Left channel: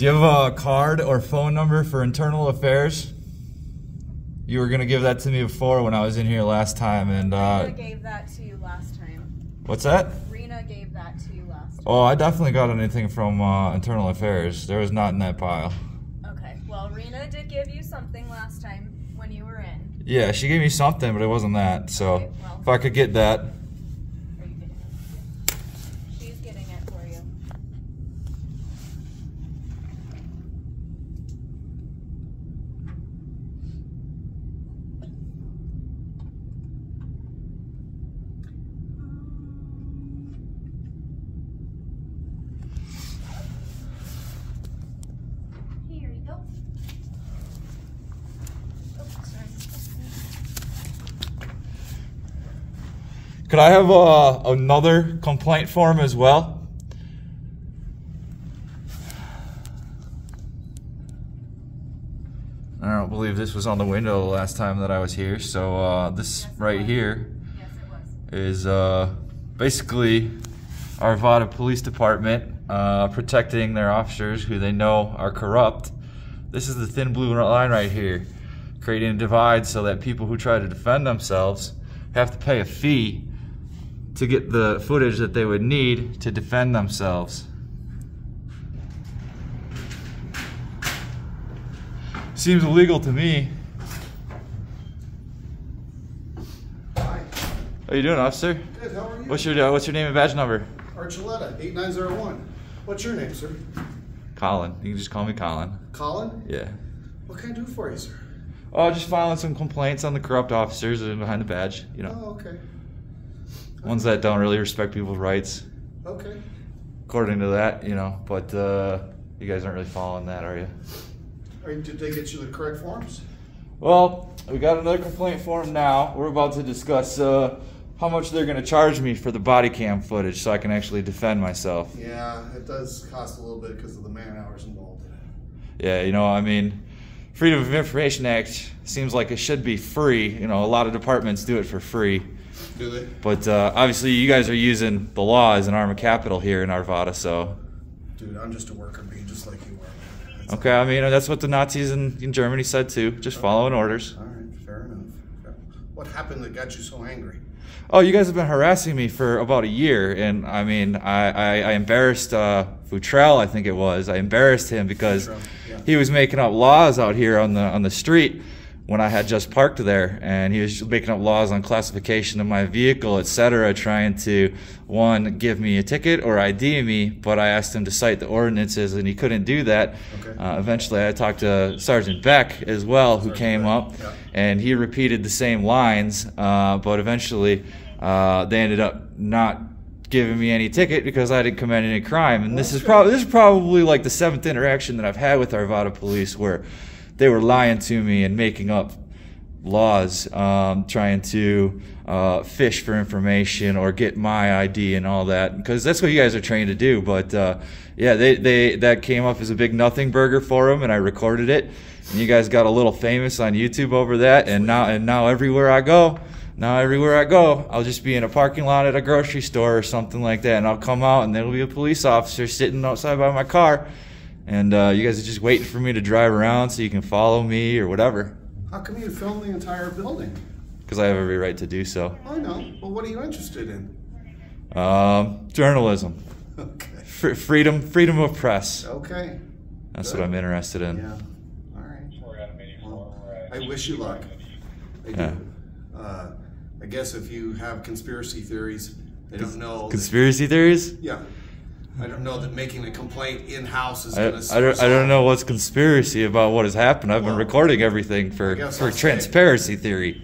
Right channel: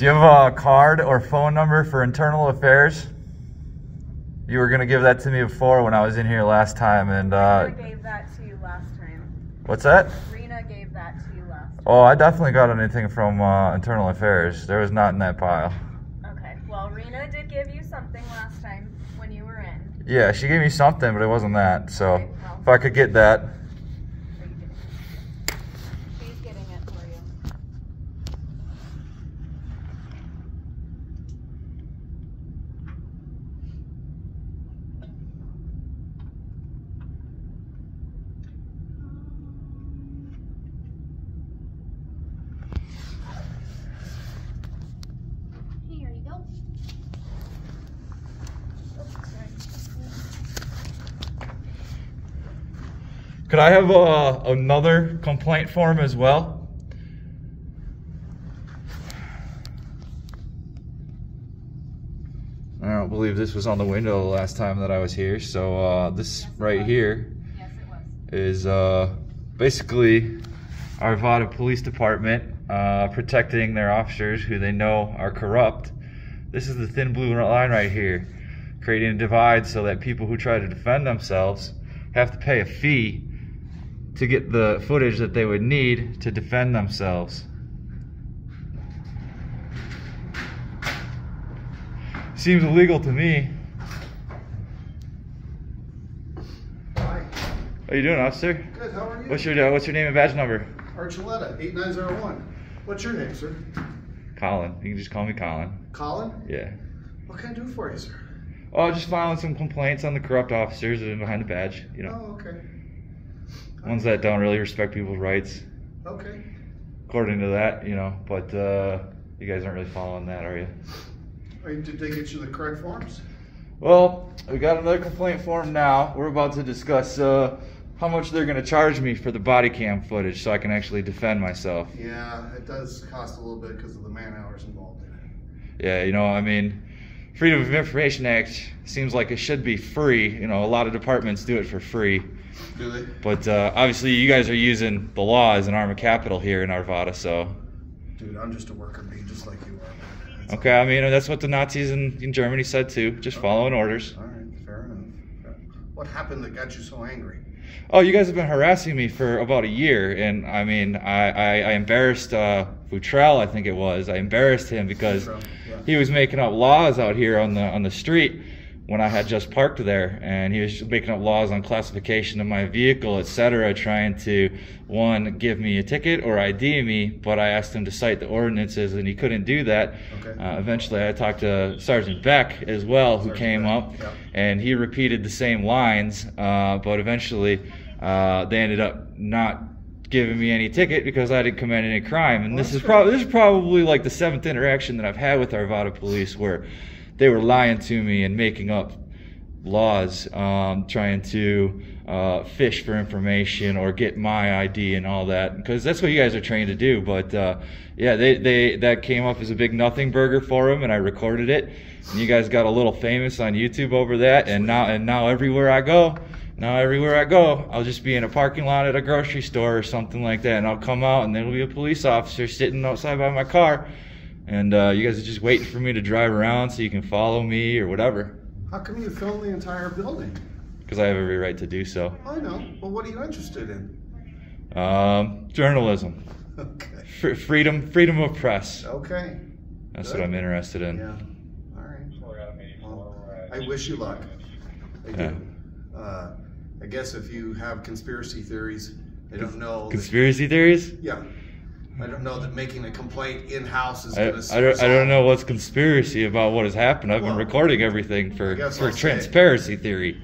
Do you have a card or phone number for internal affairs? You were gonna give that to me before when I was in here last time, and Rena gave that to you last time. What's that? Rena gave that to you last time. Oh, I definitely got anything from internal affairs. There was not in that pile. Okay, well, Rena did give you something last time when you were in. Yeah, she gave me something, but it wasn't that. So Okay, well, if I could get that. are you getting it? She's getting it for you. Here you go. Oh, sorry. Could I have another complaint form as well? I don't believe this was on the window the last time that I was here. So this right here is basically Arvada Police Department protecting their officers who they know are corrupt. This is the thin blue line right here, creating a divide so that people who try to defend themselves have to pay a fee to get the footage that they would need to defend themselves. Seems illegal to me. Hi. How you doing, officer? Good, how are you? What's your name and badge number? Archuleta, 8901. What's your name, sir? Colin. You can just call me Colin. Colin? Yeah. What can I do for you, sir? Oh, just filing some complaints on the corrupt officers behind the badge, you know. Oh, okay. Ones that don't really respect people's rights. Okay. According to that, you know, but you guys aren't really following that, are you? Did they get you the correct forms? Well, we got another complaint form now. We're about to discuss how much they're going to charge me for the body cam footage so I can actually defend myself. Yeah, it does cost a little bit because of the man hours involved in it. Yeah, you know, I mean, Freedom of Information Act seems like it should be free. You know, a lot of departments do it for free. Do they? But obviously you guys are using the law as an arm of capital here in Arvada, so. Dude, I'm just a worker bee, just like you are. That's Okay, I mean, that's what the Nazis in Germany said too, just following orders. all right, fair enough. Yeah. What happened that got you so angry? Oh, you guys have been harassing me for about a year, and I mean, I embarrassed Futrell, I think it was. I embarrassed him because Yeah. he was making up laws out here on the street when I had just parked there, and he was making up laws on classification of my vehicle, etc., trying to, one, give me a ticket or ID me, but I asked him to cite the ordinances, and he couldn't do that. Okay. Eventually, I talked to Sergeant Beck as well, who came up, yeah. and he repeated the same lines, but eventually they ended up not giving me any ticket because I didn't commit any crime. And this is probably like the 7th interaction that I've had with Arvada police where they were lying to me and making up laws, trying to fish for information or get my ID and all that, because that's what you guys are trained to do. But yeah, that came up as a big nothing burger for them, and I recorded it. And you guys got a little famous on YouTube over that, and now everywhere I go, I'll just be in a parking lot at a grocery store or something like that, and I'll come out and there'll be a police officer sitting outside by my car, and you guys are just waiting for me to drive around so you can follow me or whatever. How come you film the entire building? Because I have every right to do so. I know. Well, what are you interested in? Journalism. Okay. Freedom of press. Okay. That's Good. what I'm interested in. Yeah. All right. Well, I wish you luck. I do. I guess if you have conspiracy theories, I don't know. Conspiracy theories? Yeah. I don't know that making a complaint in-house is going to... I don't know what's conspiracy about what has happened. I've been recording everything for transparency theory.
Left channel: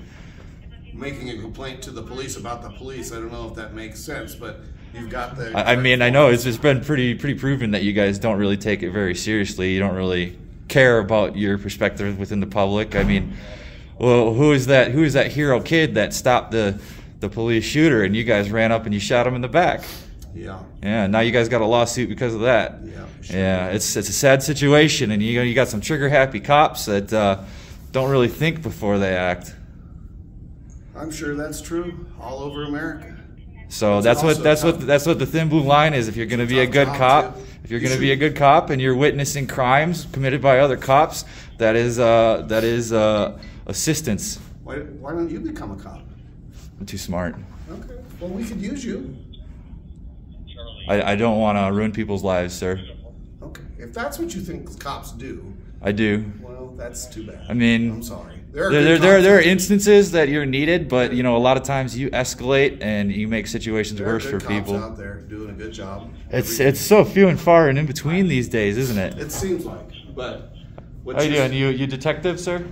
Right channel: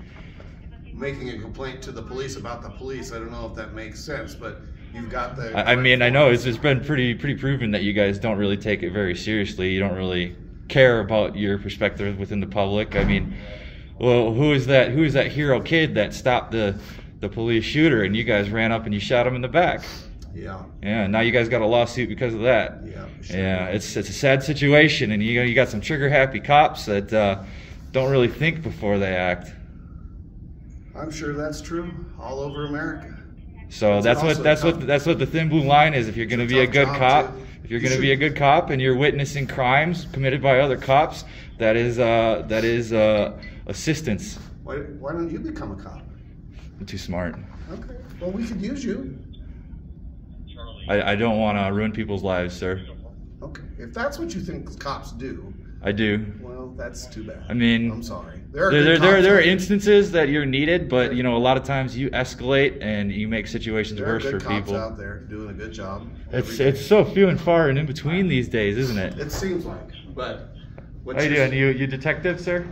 Making a complaint to the police about the police, I don't know if that makes sense, but you've got the... I mean, I know it's been pretty proven that you guys don't really take it very seriously. You don't really care about your perspective within the public. I mean, well, who is that hero kid that stopped the police shooter and you guys ran up and you shot him in the back? Yeah. Yeah, now you guys got a lawsuit because of that. Yeah. Sure. Yeah, it's a sad situation, and you got some trigger-happy cops that don't really think before they act. I'm sure that's true all over America. So that's what the thin blue line is. If you're going to be a good cop, If you're going to be a good cop and you're witnessing crimes committed by other cops, that is assistance. Why don't you become a cop? I'm too smart. Okay. Well, we could use you. I don't want to ruin people's lives, sir. Okay. If that's what you think cops do. I do. Well, that's too bad. I mean, I'm sorry. There are instances that you're needed, but you know, a lot of times you escalate and you make situations worse for people. There are good cops out there doing a good job. It's so few and far and in between these days, isn't it? It seems like. But how you doing? You detective, sir?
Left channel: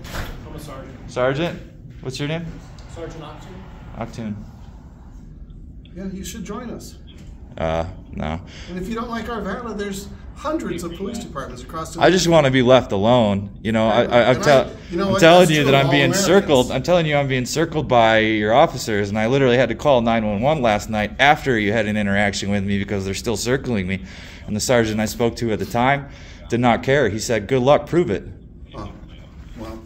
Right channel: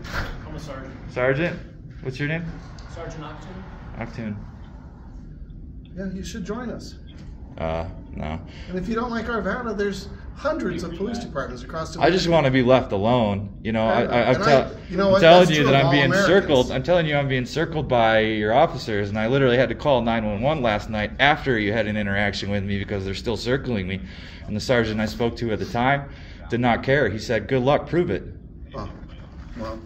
I'm a sergeant. Sergeant? What's your name? Sergeant Octoon. Octoon. Yeah, you should join us. No. And if you don't like Arvada, there's hundreds of police departments across the. I just want to be left alone. You know, I'm telling you that I'm being circled. I'm telling you I'm being circled by your officers, and I literally had to call 911 last night after you had an interaction with me because they're still circling me. And the sergeant I spoke to at the time did not care. He said, "Good luck, prove it." Oh, well,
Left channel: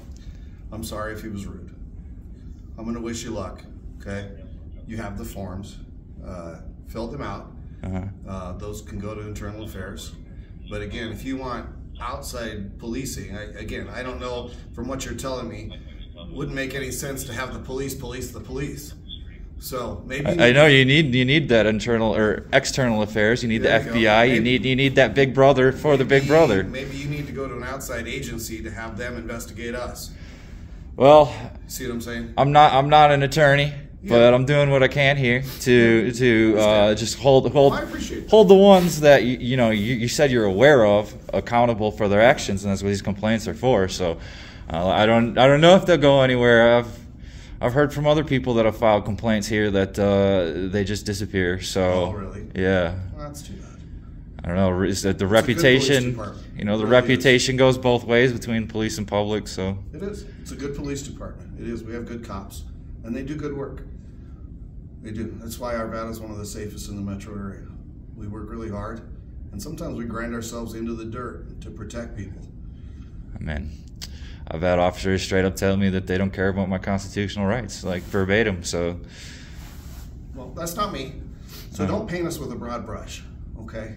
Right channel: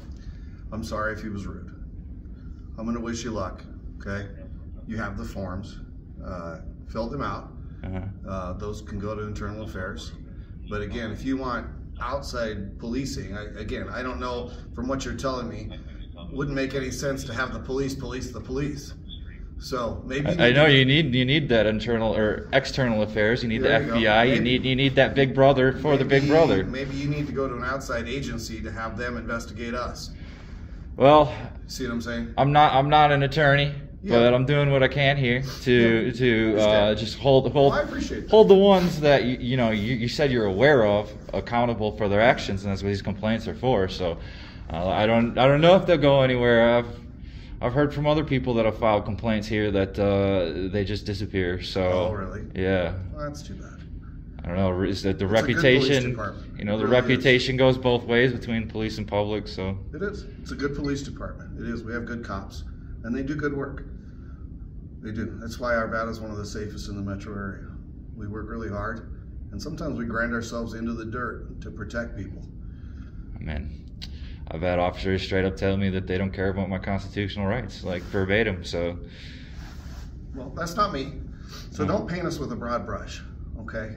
I'm sorry if he was rude. I'm going to wish you luck. Okay, you have the forms. Fill them out. Those can go to internal affairs. But again, if you want outside policing, I don't know from what you're telling me, wouldn't make any sense to have the police police the police. So maybe I know you need that internal or external affairs. You need the FBI. You need that big brother for the big brother. Maybe you need to go to an outside agency to have them investigate us. Well, see what I'm saying? I'm not an attorney. Yeah. But I'm doing what I can here to just hold the ones that you said you're aware of accountable for their actions, and that's what these complaints are for. So I don't know if they'll go anywhere. I've heard from other people that have filed complaints here that they just disappear. So really? Yeah. Well, that's too bad. I don't know. Is that the reputation? The reputation goes both ways between police and public. So it is. It's a good police department. It is. We have good cops. And they do good work. They do. That's why Arvada is one of the safest in the metro area. We work really hard, and sometimes we grind ourselves into the dirt to protect people. Man, I've had officers straight up tell me that they don't care about my constitutional rights, like verbatim. So, well, that's not me. So don't paint us with a broad brush, okay?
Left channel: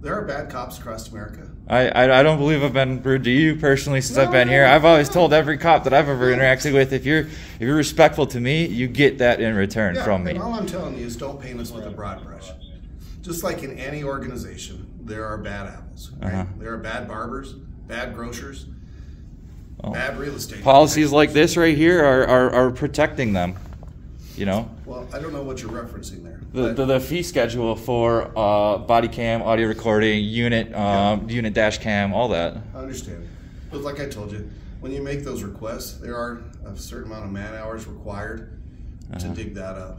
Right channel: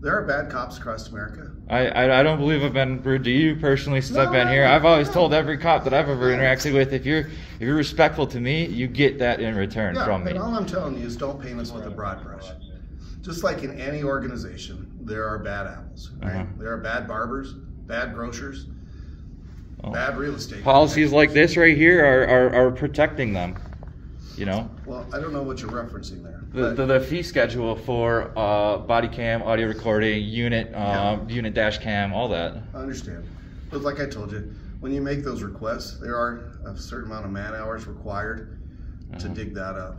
There are bad cops across America. I don't believe I've been rude to you personally since I've been here. I've always told every cop that I've ever interacted with, if you're respectful to me, you get that in return from me. And all I'm telling you is don't paint us with a broad brush. Just like in any organization, there are bad apples. Right? There are bad barbers, bad grocers, bad real estate. Policies like this right here are protecting them. You know. Well, I don't know what you're referencing there. The fee schedule for body cam, audio recording, unit dash cam, all that. I understand. But like I told you, when you make those requests, there are a certain amount of man hours required to dig that up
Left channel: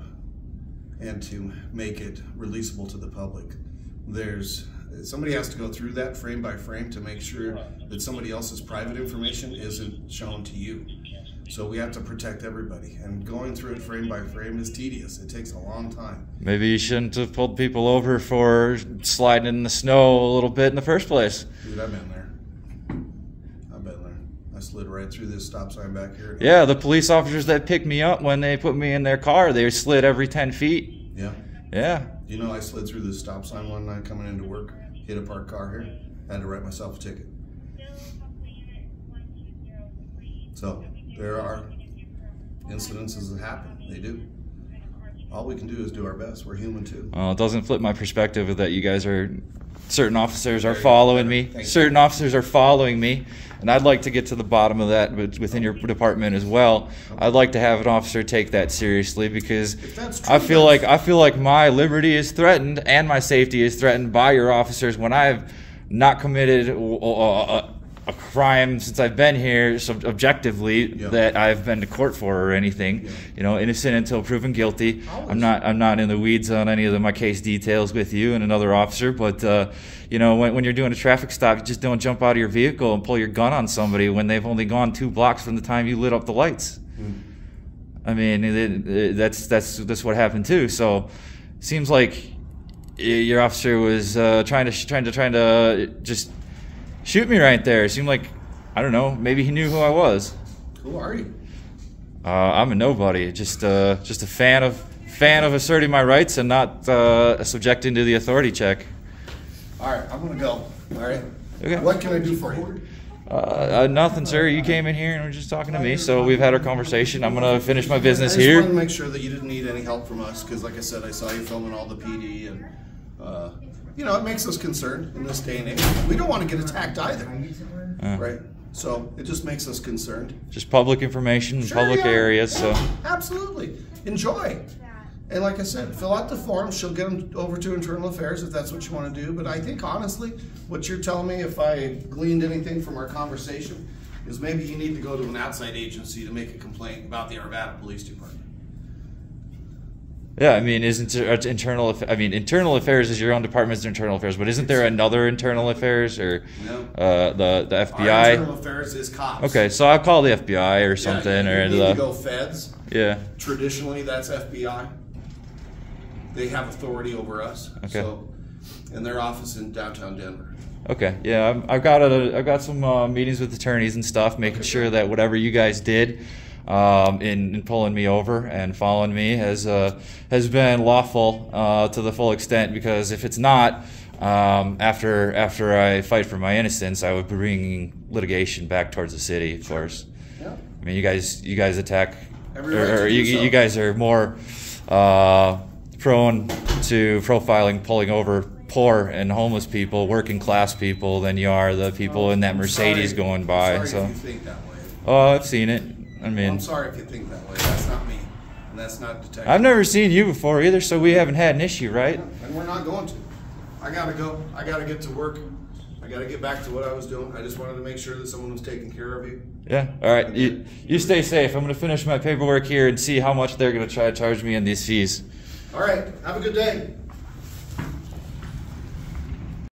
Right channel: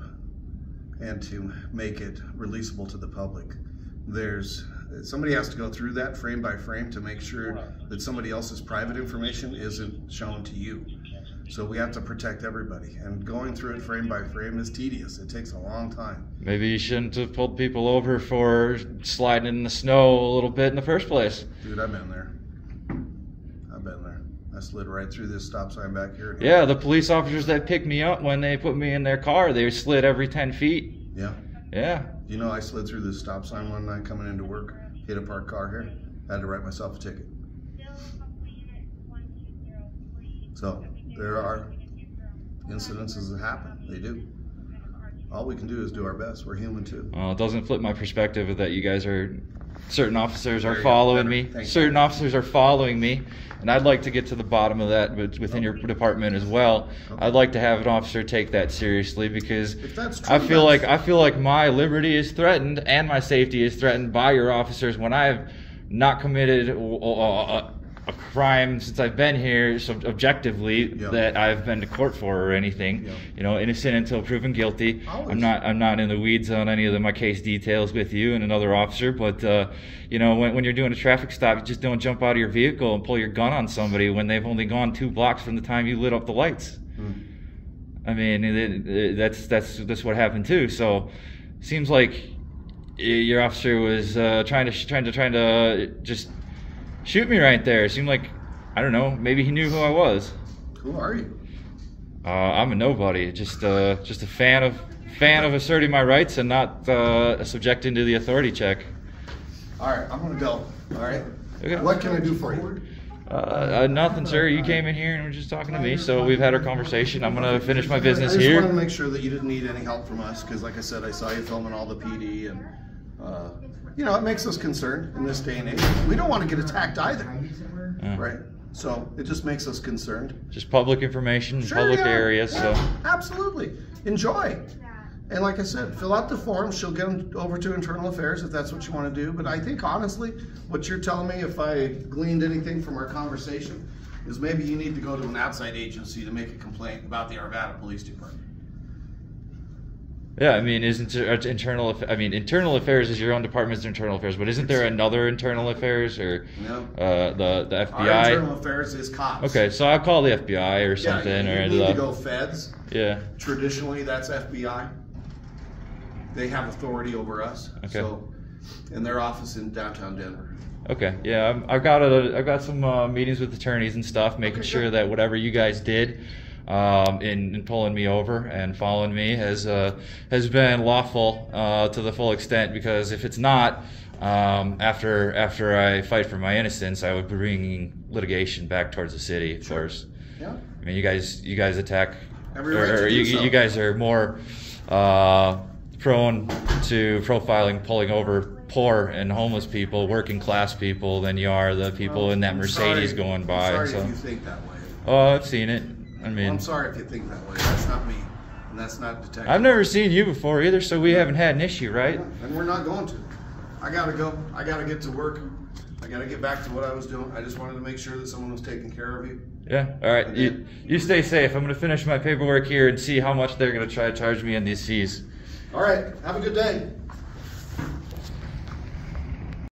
and to make it releasable to the public. Somebody has to go through that frame by frame to make sure that somebody else's private information isn't shown to you. So we have to protect everybody, and going through it frame by frame is tedious. It takes a long time. Maybe you shouldn't have pulled people over for sliding in the snow a little bit in the first place. Dude, I've been there. I slid right through this stop sign back here. Yeah, the police officers that picked me up when they put me in their car, they slid every 10 feet. Yeah. Yeah. You know, I slid through this stop sign one night coming into work, hit a parked car here, had to write myself a ticket. So there are incidences that happen. They do. All we can do is do our best. We're human too. Well, it doesn't flip my perspective that you guys are, certain officers are following me. Certain officers are following me. And I'd like to get to the bottom of that within your department as well. I'd like to have an officer take that seriously, because I feel like my liberty is threatened and my safety is threatened by your officers when I have not committed a crime since I've been here, so objectively, that I've been to court for or anything. You know, innocent until proven guilty. I'm not in the weeds on any of my case details with you and another officer, but you know, when you're doing a traffic stop, you just don't jump out of your vehicle and pull your gun on somebody when they've only gone 2 blocks from the time you lit up the lights. I mean, that's what happened too. So, seems like your officer was trying to just shoot me right there. It seemed like, I don't know, maybe he knew who I was. Who are you? I'm a nobody. Just a fan of asserting my rights and not subjecting to the authority check. All right, I'm gonna go. All right. Okay. What can I do for you? Nothing, sir. You came in here and were just talking to me, so we've had our conversation. I'm gonna finish my business I just here. wanted to make sure that you didn't need any help from us, because like I said, I saw you filming all the PD, and you know, it makes us concerned in this day and age. We don't want to get attacked either, right? So it just makes us concerned. Just public information in public areas. Yeah, So absolutely, enjoy. And like I said, fill out the forms. She'll get them over to Internal Affairs if that's what you want to do. But I think honestly, what you're telling me, if I gleaned anything from our conversation, is maybe you need to go to an outside agency to make a complaint about the Arvada Police Department. yeah, I mean, internal affairs is your own department's internal affairs, but isn't there another internal affairs or No. The Our FBI? Internal Affairs is cops. Okay, so I'll call the FBI or something, Yeah, or you need to go feds. yeah. Traditionally, that's FBI. They have authority over us. Okay. So, in their office in downtown Denver. Okay, yeah, I've got some meetings with attorneys and stuff, making sure that whatever you guys did in pulling me over and following me has been lawful to the full extent. Because if it's not, after I fight for my innocence, I would be bringing litigation back towards the city, of course. Yeah. I mean, you guys attack, Every right to do you, so. you guys are more prone to profiling, pulling over poor and homeless people, working class people, than you are the people in that I'm Mercedes sorry. going by. I'm sorry So, if you think that way. oh, I've seen it. I mean, Well, I'm sorry if you think that way. That's not me, and that's not detective. I've never seen you before either, so we haven't had an issue, right? And we're not going to. I gotta go. I gotta get to work. I gotta get back to what I was doing. I just wanted to make sure that someone was taking care of you. Yeah. All right. You stay safe. I'm gonna finish my paperwork here and see how much they're gonna try to charge me on these fees. All right. Have a good day.